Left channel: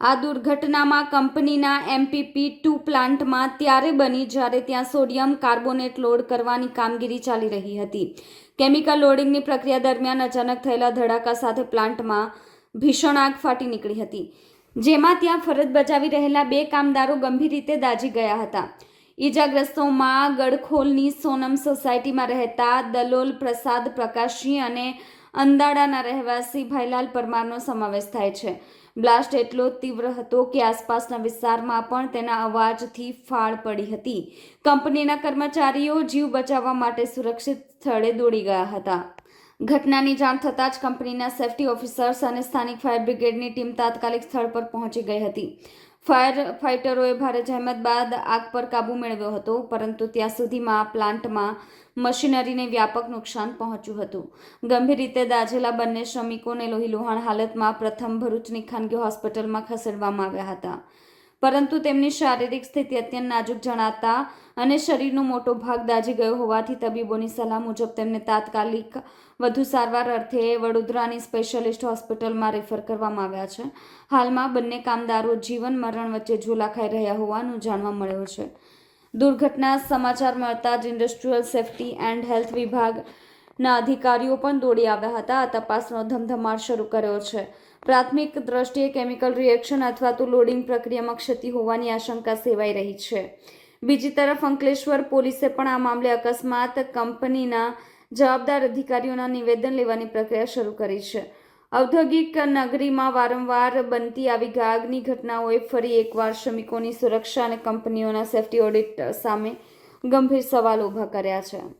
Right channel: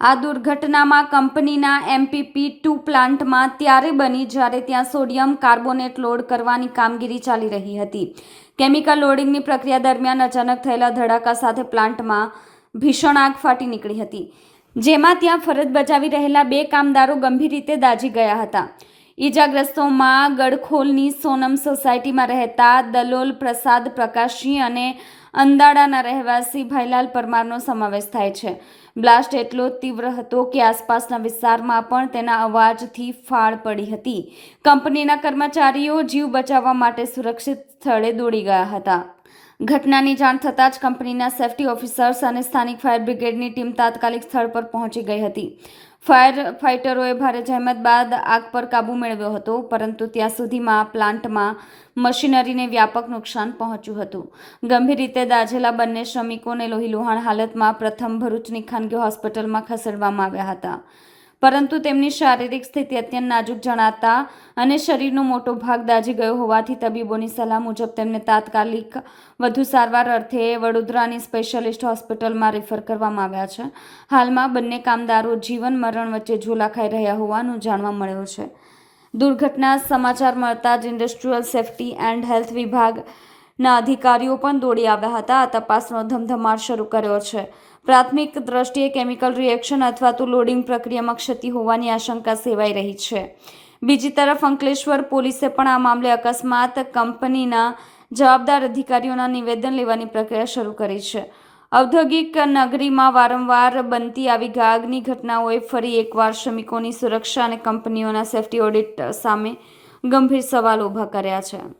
આ દુર્ઘટનામાં કંપનીના MPP2 પ્લાન્ટમાં ત્યારે બની જ્યારે ત્યાં સોડિયમ કાર્બોનેટ લોડ કરવાની કામગીરી ચાલી રહી હતી. કેમિકલ લોડિંગની પ્રક્રિયા દરમિયાન અચાનક થયેલા ધડાકા સાથે પ્લાન્ટમાં ભીષણ આગ ફાટી નીકળી હતી, જેમાં ત્યાં ફરજ બજાવી રહેલા 2 કામદારો ગંભીર રીતે દાઝી ગયા હતા. ઈજાગ્રસ્તોમાં ગડખોલની સોનમ સોસાયટીમાં રહેતા દલોલ પ્રસાદ પ્રકાશજી અને અંદાડાના રહેવાસી ભાઈલાલ પરમારનો સમાવેશ થાય છે. બ્લાસ્ટ એટલો તીવ્ર હતો કે આસપાસના વિસ્તારમાં પણ તેના અવાજથી ફાળ પડી હતી. કંપનીના કર્મચારીઓ જીવ બચાવવા માટે સુરક્ષિત સ્થળે દોડી ગયા હતા. ઘટનાની જાણ થતાં જ કંપનીના સેફ્ટી ઓફિસર્સ અને સ્થાનિક ફાયર બ્રિગેડની ટીમ તાત્કાલિક સ્થળ પર પહોંચી ગઈ હતી. ફાયર ફાઇટરોએ ભારે જહેમત બાદ આગ પર કાબૂ મેળવ્યો હતો, પરંતુ ત્યાં સુધીમાં પ્લાન્ટમાં મશીનરીને વ્યાપક નુકસાન પહોંચ્યું હતું. ગંભીર રીતે દાઝેલા બંને શ્રમિકોને લોહીલુહાણ હાલતમાં પ્રથમ ભરૂચની ખાનગી હોસ્પિટલમાં ખસેડવામાં આવ્યા હતા, પરંતુ તેમની શારીરિક સ્થિતિ અત્યંત નાજુક જણાતા અને શરીરનો મોટો ભાગ દાઝી ગયો હોવાથી તબીબોની સલાહ મુજબ તેમને તાત્કાલિક વધુ સારવાર અર્થે વડોદરાની સ્પેશિયાલિસ્ટ હોસ્પિટલમાં રેફર કરવામાં આવ્યા છે. હાલમાં બંને કામદારો જીવન મરણ વચ્ચે ઝોલા ખાઈ રહ્યા હોવાનું જાણવા મળ્યું છે. દુર્ઘટના સમાચાર મળતા જ ઇન્ડસ્ટ્રીયલ સેફ્ટી એન્ડ હેલ્થ વિભાગના અધિકારીઓ પણ દોડી આવ્યા હતા. આ તપાસનો ધમધમાટ શરૂ કર્યો છે. પ્રાથમિક દ્રષ્ટિએ કેમિકલ રિએક્શન અથવા તો લોડિંગ પ્રક્રિયામાં ક્ષતિ હોવાની આશંકા સેવાઈ રહી છે. બીજી તરફ અંકલેશ્વર પોલીસે પણ આ મામલે અકસ્માત કંપનીના જવાબદાર અધિકારીઓના નિવેદન લેવાની પ્રક્રિયા શરૂ કરી છે. ઔદ્યોગિક નગરીમાં વારંવાર બનતી આવી આગની ઘટનાઓએ ફરી એકવાર શ્રમિકોની સુરક્ષા અને કંપનીઓના સેફ્ટી ઓડિટ સામે ગંભીર સવાલ ઊભા કર્યા છે.